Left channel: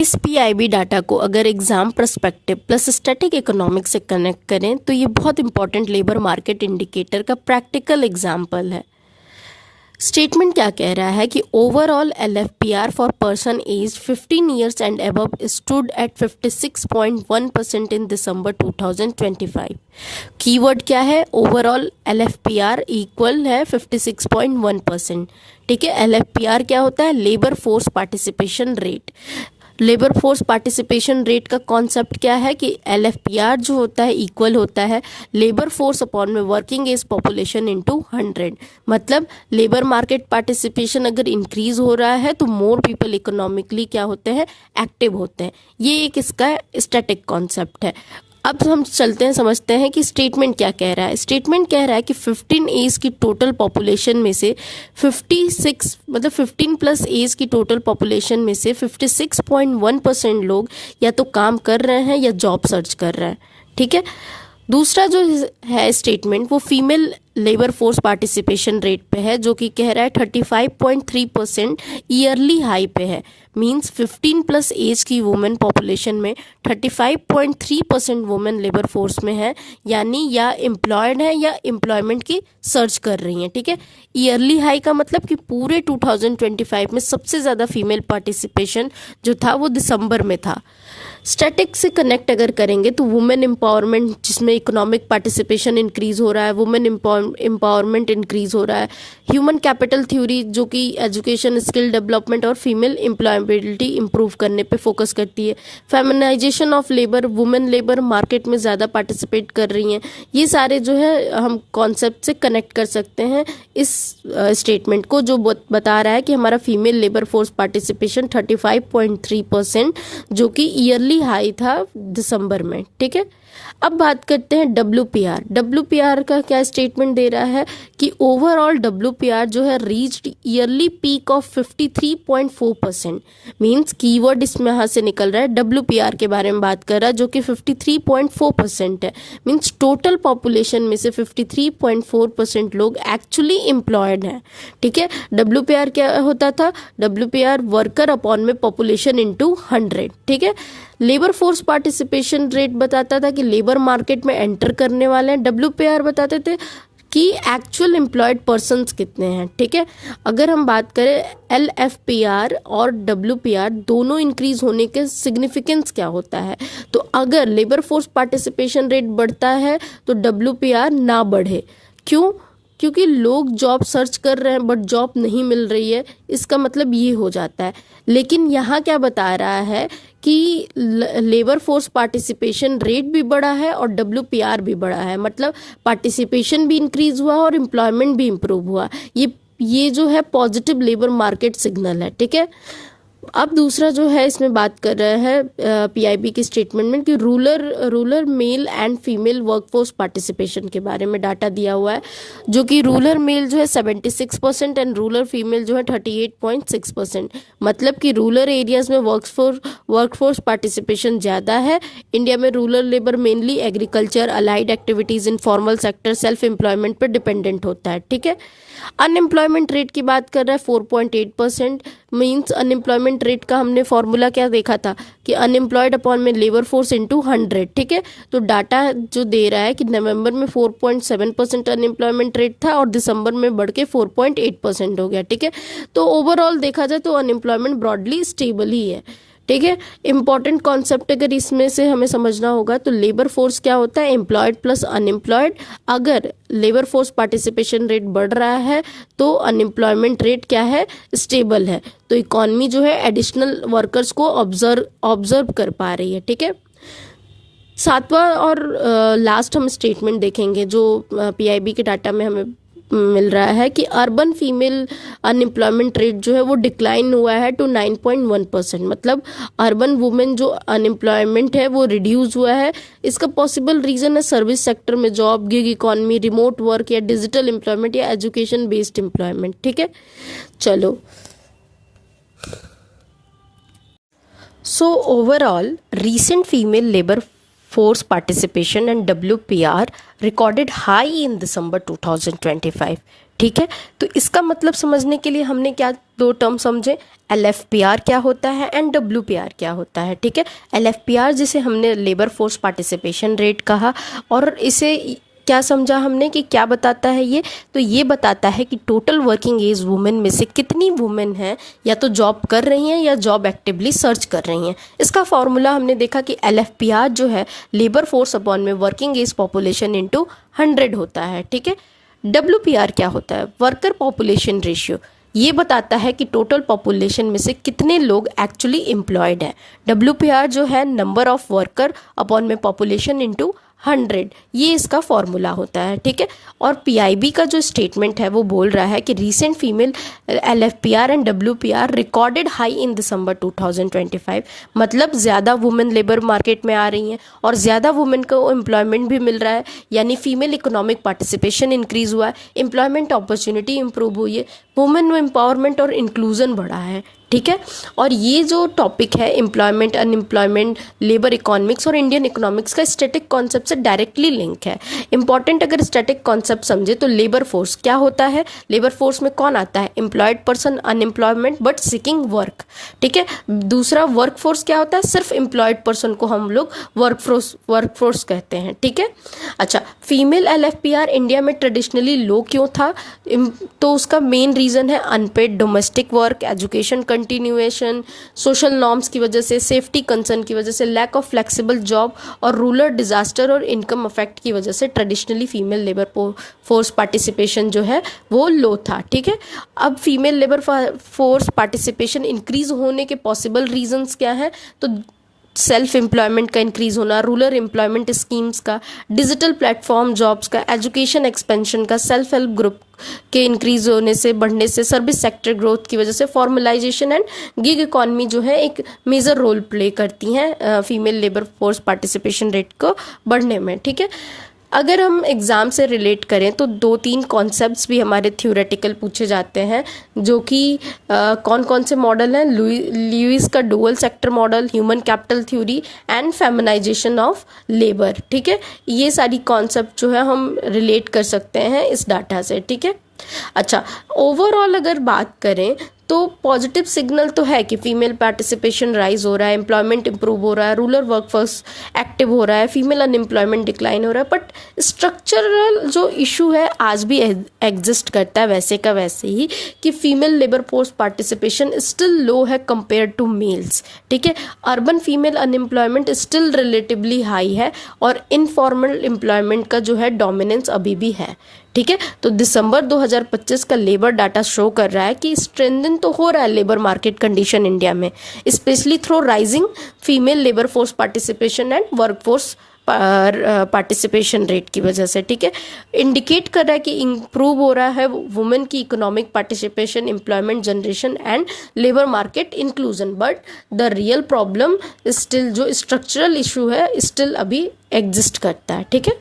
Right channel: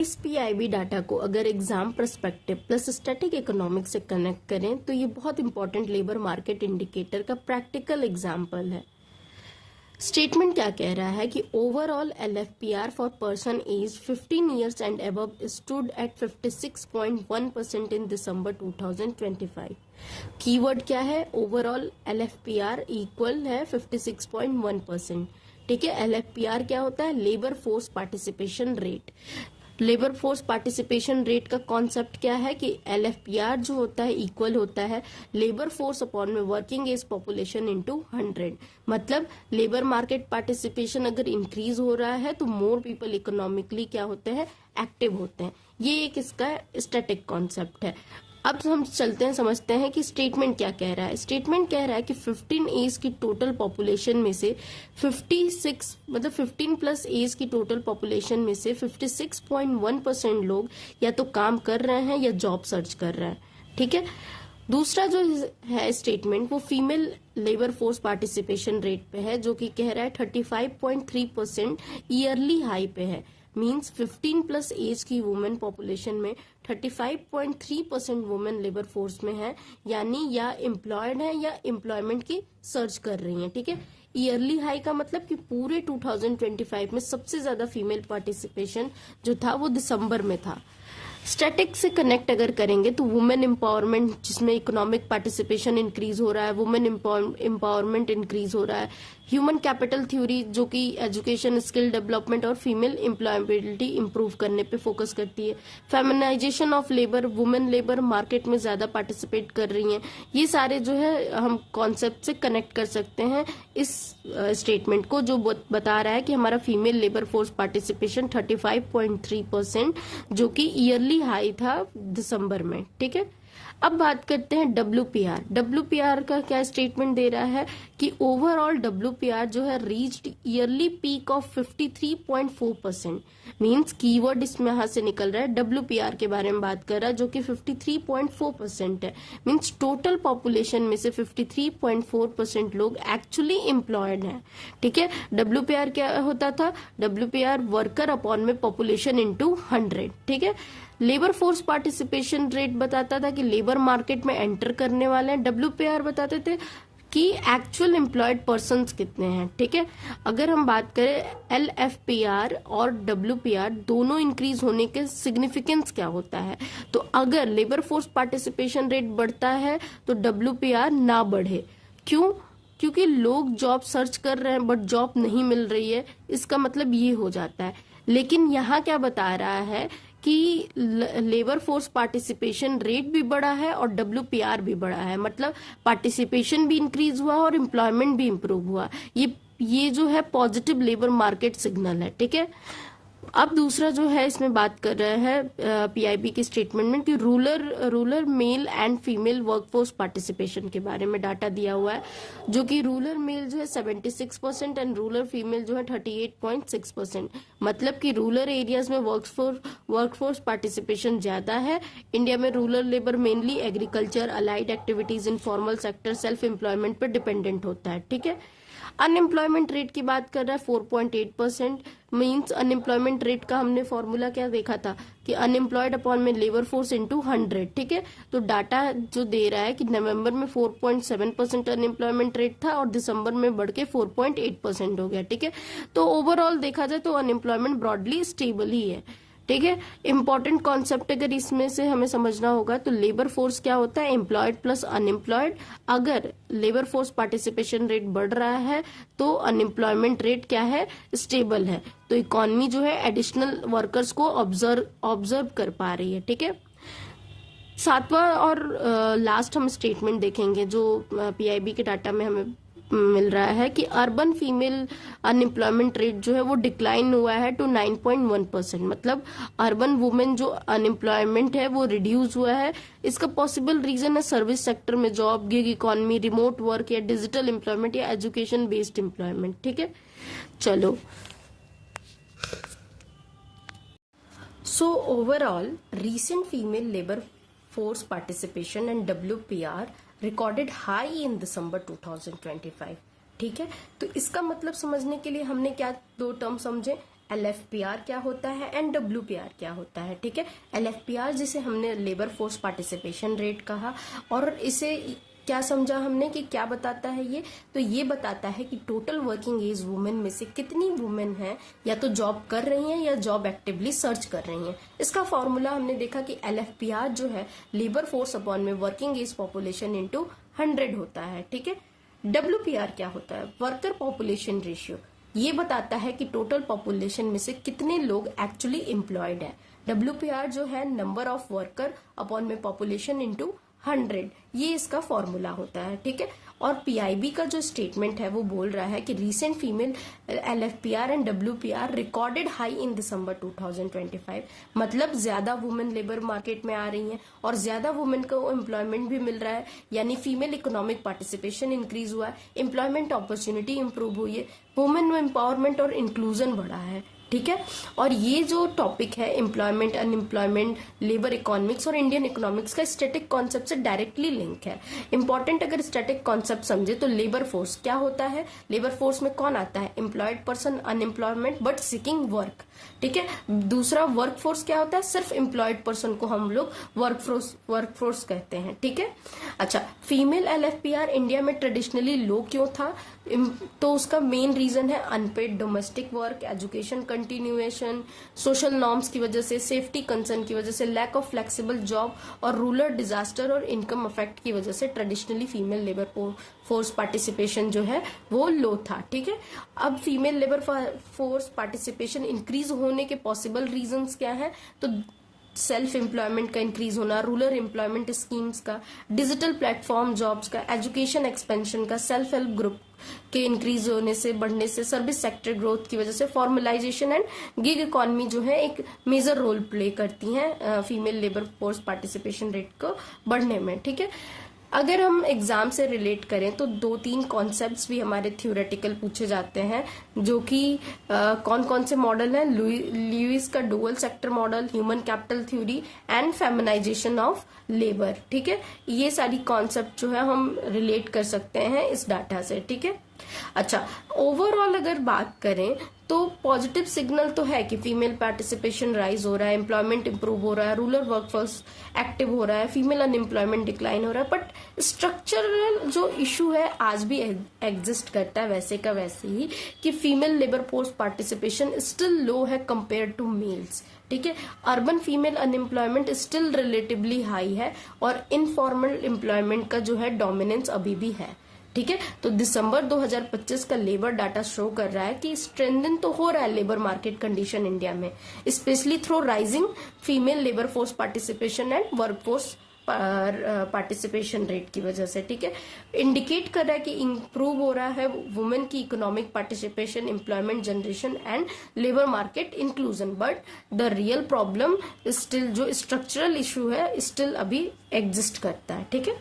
इस PIB data को अगर exam perspective plus static economics से कनेक्ट करें तो ये बहुत इंपॉर्टेंट लेबर मार्केट इंडिकेटर का प्रैक्टिकल एग्जाम्पल है। स्टेटमेंट क्या कह रहा है कि overall LFPR for person age 15 years and above stood at 56.1% in December 2025। Keyword क्या है? ओवरऑल एलएफपीआर इक्वल है 56.1%। ठीक है, एलएफपीआर क्या होता है? Labour force participation rate. Labour force participation rate का कॉन्सेप्ट क्या है कि एलएफपीआर जो होता है इक्वल होता है लेबर फोर्स अपॉन में वर्किंग एज पॉपुलेशन इनटू 100। मतलब लेबर मार्केट पार्टिसिपेशन अगर इंक्रीज हो रहा है तो मोर पीपल इकोनॉमिकली क्या होते हैं? एक्टिव होते हैं। ये एक इसका स्टैटिक कॉन्सेप्ट है। अब हम चलते हैं, समझते हैं कि स्टेटमेंट क्या कह रहा है। स्टेटमेंट कह रहा है कि 15 एज की टोटल पॉपुलेशन में से 56 मतलब 15 प्लस एज की टोटल पॉपुलेशन में से 56.1% लोग या तो काम कर रहे हैं या जॉब सर्च कर रहे हैं। ठीक है, दूसरा जो है स्टेटमेंट वो female labour force participation rate पे है, जो कि कह रहा है 35.3% ईयरली हाई पे है। मींस 15 प्लस एज की वुमेन पॉपुलेशन में 35.3% वुमेन लेबर फोर्स में है, यानी या एम्प्लॉयड है या एम्प्लॉयमेंट की सर्च कर रही हैं। ठीक है, ईयरली हाई का मतलब कि पूरे 2025 में सबसे ज़्यादा फीमेल पार्टिसिपेशन जो था वो दिसंबर में था। स्टैटिक से कनेक्ट अगर करेंगे तो वुमेन एम्पावरमेंट, जिसमें इकोनॉमिक पार्टिसिपेशन इंक्रीज हो रहा है, वुमेन एम्पावरमेंट इंक्रीज हो रहा है। ह्यूमन कैपिटल थ्योरी जो कि एजुकेशन, स्किल डेवलपमेंट और फीमेल एम्प्लॉयबिलिटी इंप्रूव करने पे फोकस करती है। Feminization of labour, women labour market में ज़्यादा पार्टिसिपेट कर रही हैं। ये सारे जो है हम कॉन्सेप्ट से कनेक्ट कर सकते हैं इस स्टेटमेंट को, जो बता रहा है कि हमारा फीमेल लेबर फोर्स पार्टिसिपेशन 35.3% जो कि ईयरली हाई था दिसंबर में। ठीक है, अब बात करते हैं डब्ल्यूपीआर। डब्ल्यूपीआर का क्या स्टेटमेंट दे रहा है कि ओवरऑल डब्ल्यूपीआर जो है reached yearly peak of 53.4%। Means keyword इसमें यहाँ से निकल रहा है, डब्ल्यूपीआर के बारे में बात कर रहा है, जो कि 53.4% है। मींस टोटल पॉपुलेशन में से 53.4% लोग एक्चुअली एम्प्लॉयड हैं। ठीक है, डब्ल्यूपीआर क्या होता था? डब्ल्यूपीआर वर्कर अपॉन में पॉपुलेशन इनटू 100। ठीक है, लेबर फोर्स पार्टिसिपेशन रेट बताता था कि लेबर मार्केट में एंटर करने वाले हैं। डब्ल्यूपीआर बताते थे कि एक्चुअल एम्प्लॉयड पर्सन्स कितने हैं। ठीक है, अगर हम बात करें एलएफपीआर और डब्ल्यूपीआर दोनों इंक्रीज होने के सिग्निफिकेंस क्या होता है, तो अगर लेबर फोर्स पार्टिसिपेशन रेट बढ़ता है तो डब्ल्यूपीआर ना बढ़े। क्यों? क्योंकि लोग जॉब सर्च कर रहे हैं बट जॉब नहीं मिल रही है, इसका मतलब ये हो जाता है। लेकिन यहाँ क्या बता रहा है कि लेबर फोर्स पार्टिसिपेशन रेट भी बढ़ा है और डब्ल्यूपीआर भी बढ़ा है, मतलब पार्टिसिपेशन भी इंक्रीज हुआ और एम्प्लॉयमेंट भी इम्प्रूव हुआ। ये जो है पॉजिटिव लेबर मार्केट सिग्नल है। ठीक है, अब दूसरा जो है इसमें बात कर रहे हैं पीआईबी की स्टेटमेंट में कि rural male and female workforce participation के बारे में डाटा दिया हुआ है, जो कि रूरल मेल जो है 76% एंड रूरल फीमेल जो है 38.6%। मतलब कि रूरल एरियाज में वर्कफोर्स पार्टिसिपेशन ज़्यादा है। इंडिया में rural labour mainly agriculture, allied activities, informal sector, self employment पर डिपेंडेंट होता है। ठीक है, अनएम्प्लॉयमेंट रेट की बात कर रहा है 4.8%। मीन्स अनएम्प्लॉयमेंट रेट का हमने फॉर्मूला क्या देखा था कि अनएम्प्लॉयड अपॉन में लेबर फोर्स इनटू 100। ठीक है, तो डाटा जो दे रहा है कि नवंबर में 4.7% अनएम्प्लॉयमेंट रेट था और दिसंबर में बढ़ के 4.8% हो गया। ठीक है, तो ओवरऑल देखा जाए तो अनएम्प्लॉयमेंट ब्रॉडली स्टेबल ही है। ठीक है, इंपॉर्टेंट कॉन्सेप्ट अगर इसमें से हमें समझना होगा तो लेबर फोर्स क्या होता है? Employed plus unemployed. अगर लेबर फोर्स पार्टिसिपेशन रेट बढ़ रहा है तो अनएम्प्लॉयमेंट रेट क्या है? स्टेबल है। तो इकॉनमी जो है एडिशनल वर्कर्स को ऑब्जर्व कर पा रही है। ठीक है, सातवां और लास्ट हम स्टेटमेंट देखेंगे जो पीआईबी के डाटा में हमें मिल रहा है कि अर्बन फीमेल अनएम्प्लॉयमेंट रेट जो है वो डिक्लाइन हुआ है टू 9.1%। मतलब अर्बन वुमेन जो अनएम्प्लॉयमेंट है वो रिड्यूस हुआ है। इसका पॉसिबल रीजन है सर्विस सेक्टर में job, gig economy, remote work या डिजिटल एम्प्लॉयमेंट या एजुकेशन बेस्ड एम्प्लॉयमेंट। ठीक है, चलो, so overall recent female labor force participation and WPR recorded high in December 2025. ठीक है। तो इसका मतलब समझने के लिए हमने क्या दो टर्म समझे, LFPR क्या होता है एंड WPR क्या होता है। ठीक है, LFPR जिसे हमने लेबर फोर्स पार्टिसिपेशन रेट कहा, और इसे क्या समझा हमने कि क्या बताता है ये, तो ये बताता है कि टोटल वर्किंग एज वुमेन में से कितनी वुमेन हैं या तो जॉब कर रही हैं या जॉब एक्टिवली सर्च कर रही हैं। इसका फॉर्मूला हमने देखा कि LFPR जो है लेबर फोर्स अपॉन में वर्किंग एज पॉपुलेशन इंटू 100 होता है। ठीक है, WPR क्या होता है, वर्कर पॉपुलेशन रेशियो, ये बताता है कि टोटल पॉपुलेशन में से कितने लोग एक्चुअली एम्प्लॉयड हैं। WPR जो है नंबर ऑफ वर्कर अपॉन में पॉपुलेशन इंटू 100, ये इसका फॉर्मूला होता है। ठीक है, और PIB का जो स्टेटमेंट है वो बोल रहा है कि recent female LFPR and WPR recorded high in December 2025, मतलब ज़्यादा वुमेन लेबर मार्केट में आ रही हैं और ज़्यादा वुमेन को एम्प्लॉयमेंट भी मिल रहा है, यानी फीमेल इकोनॉमिक पार्टिसिपेशन इंक्रीज़ हुआ है, एम्प्लॉयमेंट अपॉर्चुनिटी इंप्रूव हुई है, वुमेन एम्पावरमेंट और इंक्लूजन बढ़ा है। ठीक है, और ये जो टॉपिक है एम्प्लॉयमेंट, अनएम्प्लॉयमेंट, लेबर इकोनॉमिक्स और इंडियन इकोनॉमिक्स का स्टैटिक कॉन्सेप्ट से डायरेक्टली लिंक है। इंपॉर्टेंट अगर स्टैटिक कॉन्सेप्ट समझे तो लेबर फोर्स क्या होता है, लेबर फोर्स में कौन आता है, employed person, unemployment but seeking work. ठीक है, दूसरा वर्क फोर्स क्या होता है, सिर्फ एम्प्लॉयड पर्सन को हम लोग वर्क फोर्स कहते हैं। ठीक है, अच्छा, फीमेल LFPR इंडिया में ट्रेडिशनली लो क्यों था, तो उसका मेन रीज़न है unpaid domestic work, education continuation, social norms की वजह से, सेफ्टी कंसर्न की वजह से, लैक ऑफ फ्लेक्सिबल जॉब और रूरल डिजास्टर और इनकम अफेक्ट की वजह से traditionally female labour force participation जो है वो लो था। ठीक है, अब female labour force participation increase होने के पॉसिबल रीजंस क्या हैं, तो सेल्फ एम्प्लॉयमेंट का इंक्रीज होना, रूरल एम्प्लॉयमेंट स्कीम्स का, डिजिटल प्लेटफॉर्म जॉब्स का, एजुकेशन एक्सपेंशन का, सेल्फ हेल्प ग्रुप के इंक्रीज होने से, बढ़ने से, सर्विस सेक्टर ग्रोथ की वजह से, फॉर्मलाइजेशन एंड गिग इकॉनमी जो है एक मेजर रोल प्ले करती हैं female labour force participation rate को बढ़ने में। ठीक है, अगर हम एग्ज़ाम से रिलेट करें तो 2-3 कॉन्सेप्ट्स भी हमारे थ्योरेटिकल पूछे जाते हैं, जो कि कौन कौन से मॉडल हैं, ल्यूइस का dual sector model, human capital theory and feminization of labour. ठीक है, ये सारी कॉन्सेप्ट जो है हम रिलेट कर सकते हैं इस डाटा से। ठीक है, अच्छा, ओवरऑल अगर बात करें तो पॉजिटिव सिग्नल तो है कि फीमेल पार्टिसिपेशन राइज हो रहा है, एम्प्लॉयमेंट इंप्रूव हो रहा है, रूरल वर्कफोर्स एक्टिव हो रहा है, फीमेल अनएम्प्लॉयमेंट डिक्लाइन हो रहा है, बट स्ट्रक्चरल जो इशू है आज भी एग्जिस्ट करता है वैसे का वैसे ही, कि female labour force participation still low है कंपेयर टू मेल्स। ठीक है, urban female unemployment still relatively high है और इनफॉर्मल एम्प्लॉयमेंट का जो है डोमिनेंस अभी भी है। ठीक है, तो दिसंबर 2025 का लेबर डाटा शो कर रहा है कि स्ट्रेंथन तो हो रहा है लेबर मार्केट कंडीशन इंडिया में, specially through rising female labour force participation and workforce participation rate की वजह से। ठीक है, इंडिकेट कर रहा है कि इंप्रूव हो रहा है वुमेन की economic participation, employment generation and labour market inclusion, but the real problem still, जो स्ट्रक्चरल इशू है, स्टिल अभी एग्जिस्ट करता है। ठीक है।